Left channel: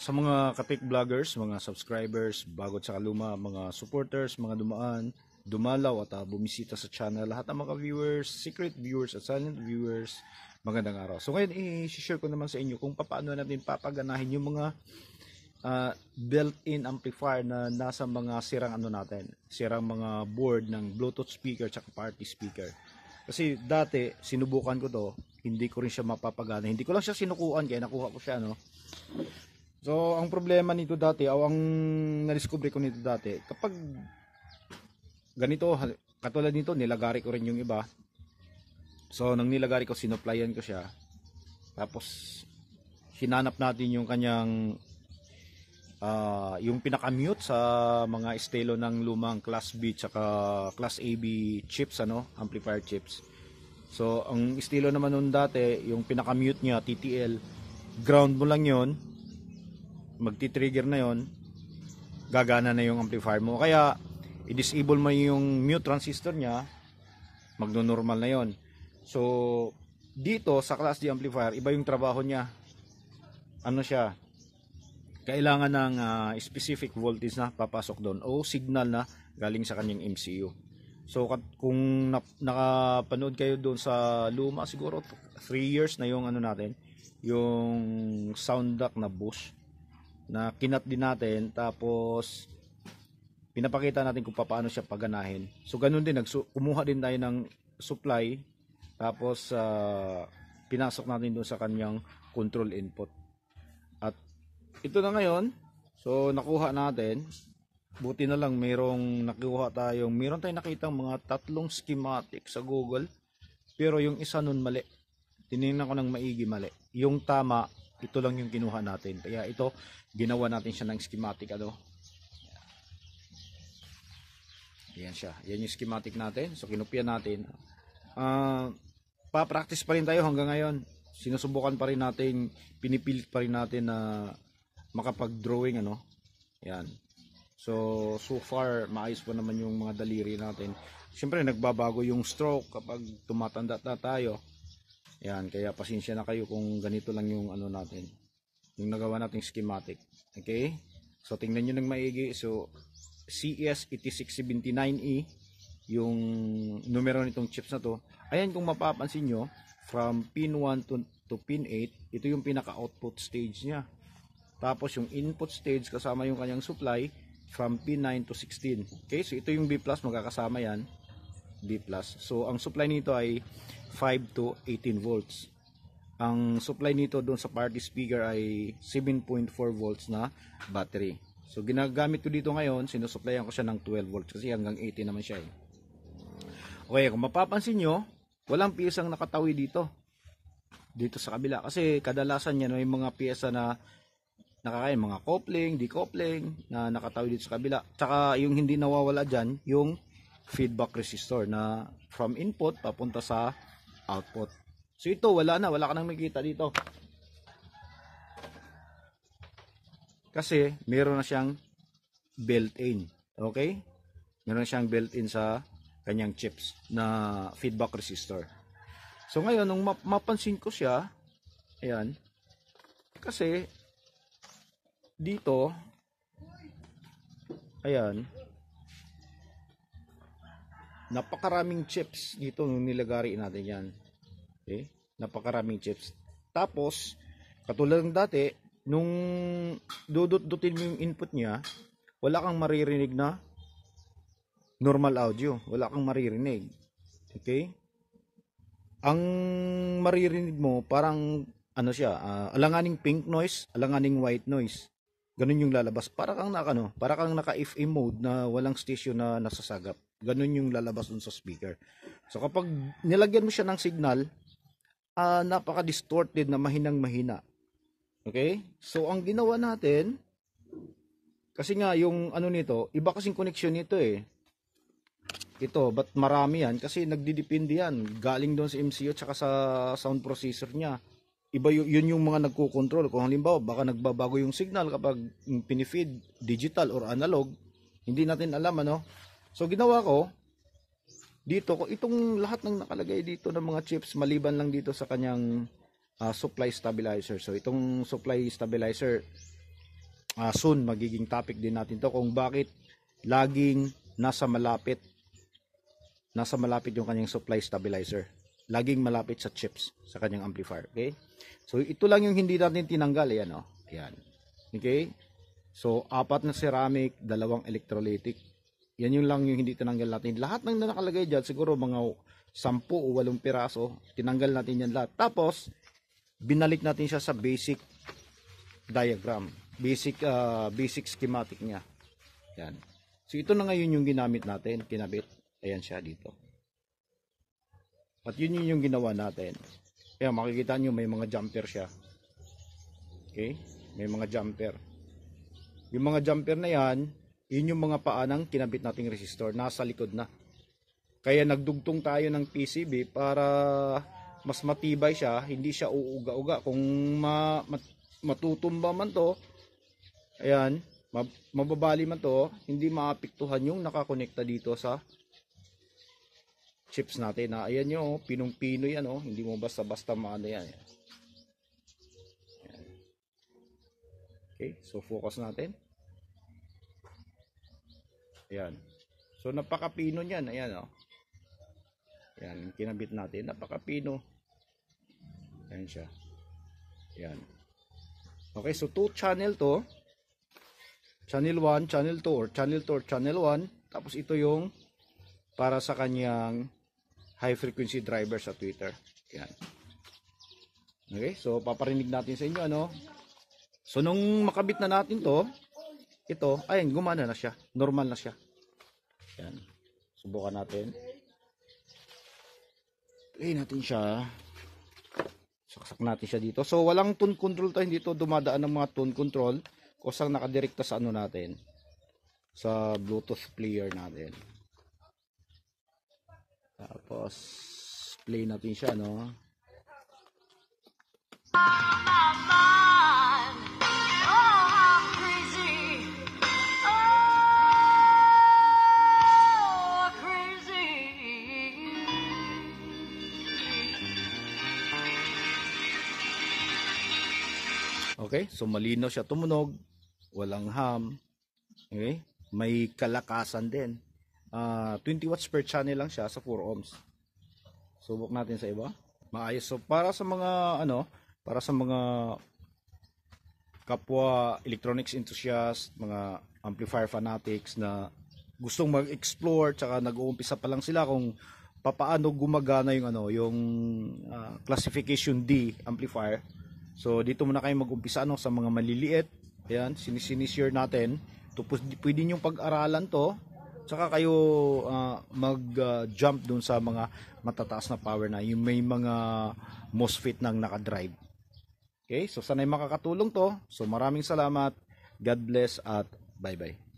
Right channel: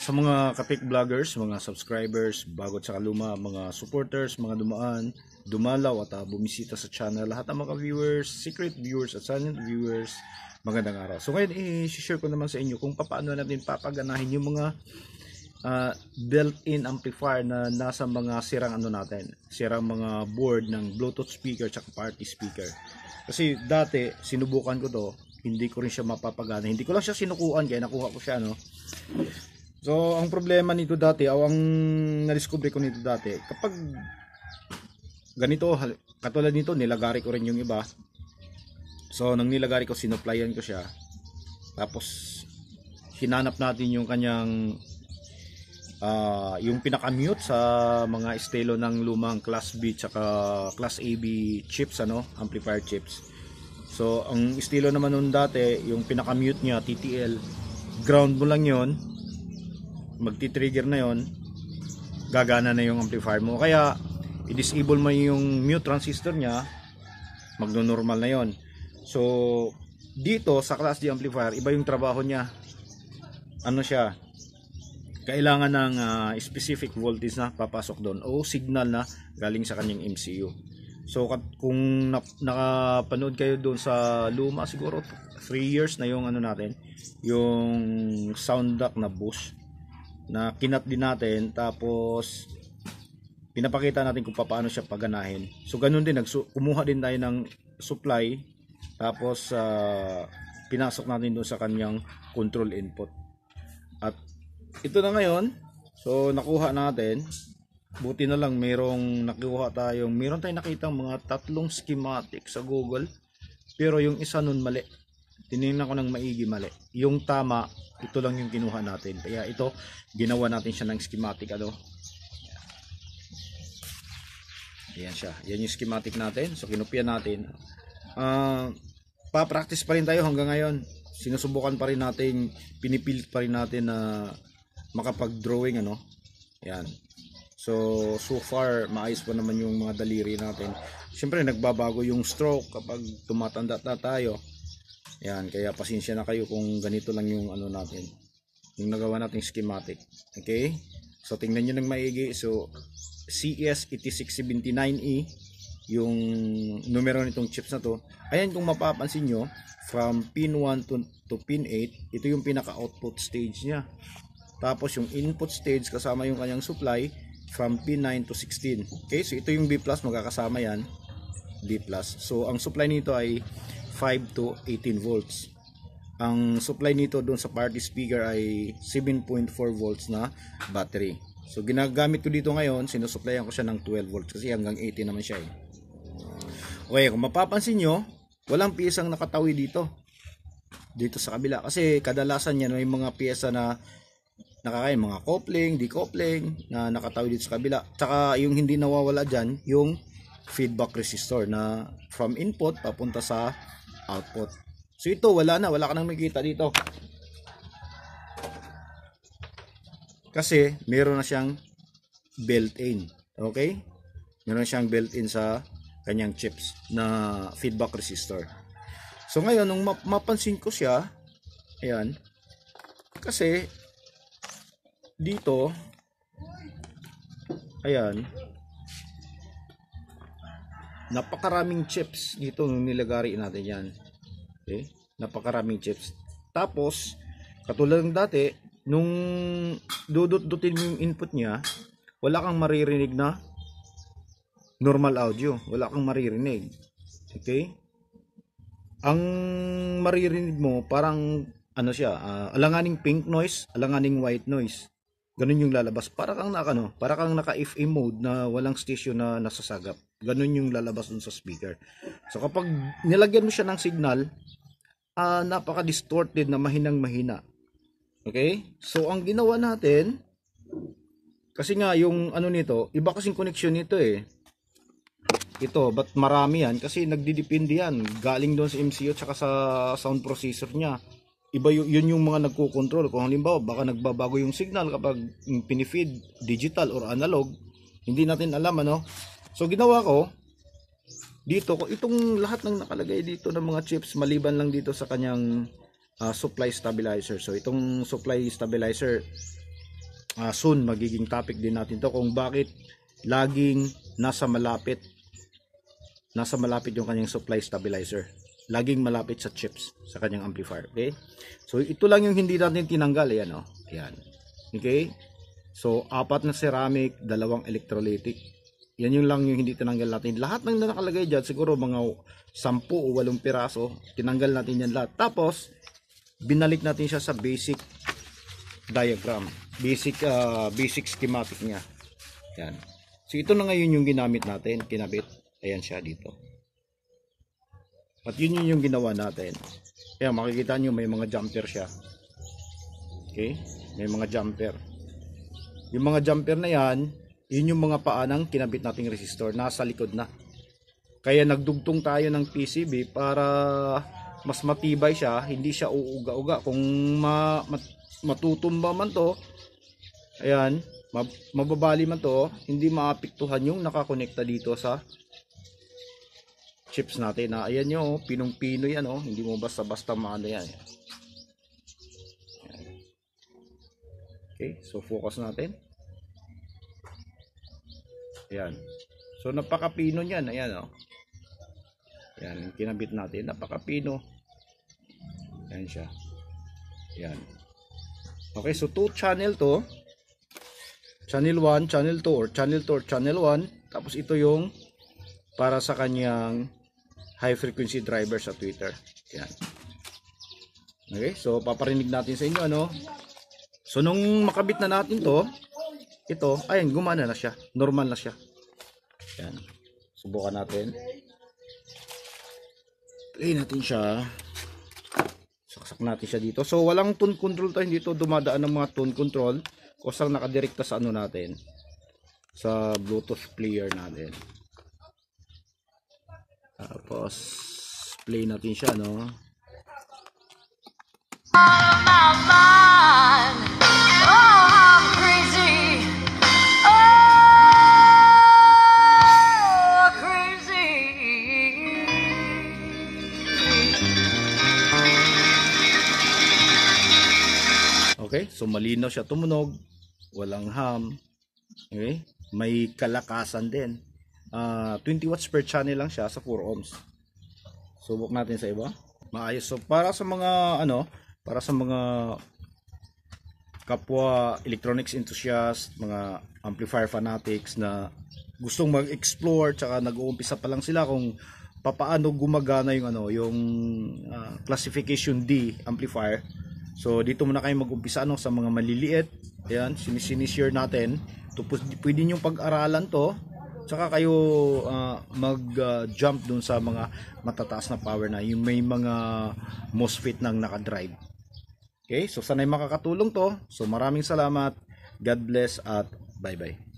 Sa mga kapik vloggers, mga subscribers, bago sa kaluma, mga supporters, mga dumaan, dumalaw at bumisita sa channel, lahat ng mga viewers, secret viewers at silent viewers, magandang araw. So ngayon i-share ko naman sa inyo kung paano natin papaganahin yung mga built-in amplifier na nasa mga sirang sirang mga board ng Bluetooth speaker at party speaker. Kasi dati sinubukan ko to, hindi ko rin siya mapapagana. Hindi ko lang siya sinukuan kaya nakuha ko siya, no. So, ang problema nito dati, o ang na-discover ko nito dati, kapag ganito, katulad nito, nilagari ko rin yung iba. So, nang nilagari ko, sinuplayan ko siya. Tapos, hinanap natin yung kanyang, yung pinaka-mute sa mga estilo ng lumang Class B tsaka Class AB chips, amplifier chips. So, ang estilo naman nun dati, yung pinaka-mute niya, TTL, ground mo lang yon, magti-trigger na yon, gagana na yung amplifier mo. Kaya i-disable mo yung mute transistor niya, magno-normal na yon. So dito sa Class D amplifier, iba yung trabaho niya. Ano siya, kailangan ng specific voltage na papasok doon o signal na galing sa kanyang MCU. So kung nakapanood kayo doon sa luma, siguro 3 years na yung natin, yung sound duct na bush na kinat din natin, tapos pinapakita natin kung paano siya paganahin. So ganun din, kumuha din tayo ng supply, tapos pinasok natin doon sa kanyang control input. At ito na ngayon, so nakuha natin. Buti na lang meron tayong nakitang mga 3 schematic sa Google, pero yung isa nun mali. Tinignan ko ng maigi, mali. Yung tama, ito lang yung kinuha natin. Kaya ito, ginawa natin siya ng schematic. Ayan siya. Yan yung schematic natin. So kinopya natin. Pa-practice pa rin tayo hanggang ngayon. Sinusubukan pa rin natin, pinipilit pa rin natin na makapag-drawing. Ayan. So far, maayos pa naman yung mga daliri natin. Siyempre, nagbabago yung stroke kapag tumatanda na tayo. Yan, kaya pasensya na kayo kung ganito lang yung natin, yung nagawa nating schematic. Okay, so tingnan nyo ng maigi. So CS8679E yung numero nitong chips na to. Ayan, kung mapapansin nyo, from pin 1 to pin 8, ito yung pinaka output stage nya. Tapos yung input stage kasama yung kanyang supply from pin 9 to 16. Okay, so ito yung B+, magkakasama yan, B+. So ang supply nito ay 5 to 18 volts. Ang supply nito doon sa party speaker ay 7.4 volts na battery. So ginagamit ko dito ngayon, sinusuplayan ko siya ng 12 volts kasi hanggang 18 naman siya . Okay, kung mapapansin nyo, walang piyesang nakatawi dito sa kabila, kasi kadalasan yan may mga piyesa na nakakain, mga coupling, decoupling na nakatawi dito sa kabila. Tsaka yung hindi nawawala dyan, yung feedback resistor na from input papunta sa output. So ito, wala ka nang makikita dito. Kasi meron na siyang built-in. Okay? Meron na siyang built-in sa kanyang chips na feedback resistor. So ngayon, nung mapansin ko siya, ayan, kasi dito, ayan, napakaraming chips dito nung nilagari natin yan. Okay? Napakaraming chips. Tapos, katulad ng dati, nung dudut-dutin mo yung input niya, wala kang maririnig na normal audio. Wala kang maririnig. Okay? Ang maririnig mo, parang, alanganing pink noise, alanganing white noise. Ganun yung lalabas. Para kang naka-FM mode na walang station na nasasagap. Ganun yung lalabas dun sa speaker. So kapag nilagyan mo siya ng signal, napaka-distorted na mahinang-mahina. Okay? So ang ginawa natin, kasi nga yung nito, iba kasing connection nito . Ito, ba't marami yan? Kasi nagdidepende yan. Galing doon sa MCU at sa sound processor niya. Iba yun yung mga nagko-control. Kung halimbawa, baka nagbabago yung signal kapag pinifeed digital or analog, hindi natin alam. So ginawa ko dito, itong lahat ng nakalagay dito ng mga chips, maliban lang dito sa kanyang supply stabilizer. So itong supply stabilizer, soon magiging topic din natin to kung bakit laging nasa malapit yung kanyang supply stabilizer. Laging malapit sa chips sa kanyang amplifier. Okay? So ito lang yung hindi natin tinanggal. Ayan, oh. Ayan. Okay? So 4 na ceramic, 2 electrolytic. Yan yung lang yung hindi tinanggal natin. Lahat ng nakalagay dyan, siguro mga 10 o 8 piraso, tinanggal natin yan lahat. Tapos binalik natin siya sa basic diagram, basic schematic niya. Yan. So ito na ngayon yung ginamit natin, kinabit. Ayan siya dito. At yun yung ginawa natin. Kaya makikita nyo may mga jumper siya. Okay? May mga jumper. Yung mga jumper na yan, yun yung mga paanang kinabit nating resistor. Nasa likod na. Kaya nagdugtong tayo ng PCB para mas matibay siya. Hindi siya uuga-uga. Kung matutumba man to, ayan, mababali man to, hindi maapektuhan yung nakakonekta dito sa chips natin. Ayan nyo, pinong-pino yan, oh. Hindi mo basta-basta maano yan. Okay, so focus natin. Ayan. So napaka-pino niyan, ayan, oh. Ayan, kinabit natin, napaka-pino. Ayan siya. Ayan. Okay, so 2 channel to. Channel 1, channel 2, or channel 2 or channel 1. Tapos ito yung para sa kanyang high frequency driver sa Twitter. Yan. Okay, so paparinig natin sa inyo ano. So nung makabit na natin to, ito, ayan, gumana na siya. Normal na siya. Yan. Subukan natin. Play natin siya. Saksak natin siya dito. So walang tone control tayo dito, dumadaan ng mga tone control. Kusang nakadirekta sa ano natin. Sa Bluetooth player natin. Tapos play natin siya, no? Okay, so malinaw siya tumunog, walang hum. Okay, may kalakasan din. 20 watts per channel lang siya sa 4 ohms. Subok natin sa iba. Maayos. So para sa mga para sa mga kapwa electronics enthusiast, mga amplifier fanatics na gustong mag-explore tsaka nag-uumpisa pa lang sila kung papaano gumagana yung classification D amplifier. So dito muna kayo mag-umpisa sa mga maliliit. Ayan, sinishare natin. Pwede nyo pag-aralan to. Saka kayo mag-jump dun sa mga matataas na power na yung may mga MOSFET nang nakadrive. Okay, so sana'y makakatulong to. So maraming salamat. God bless at bye-bye.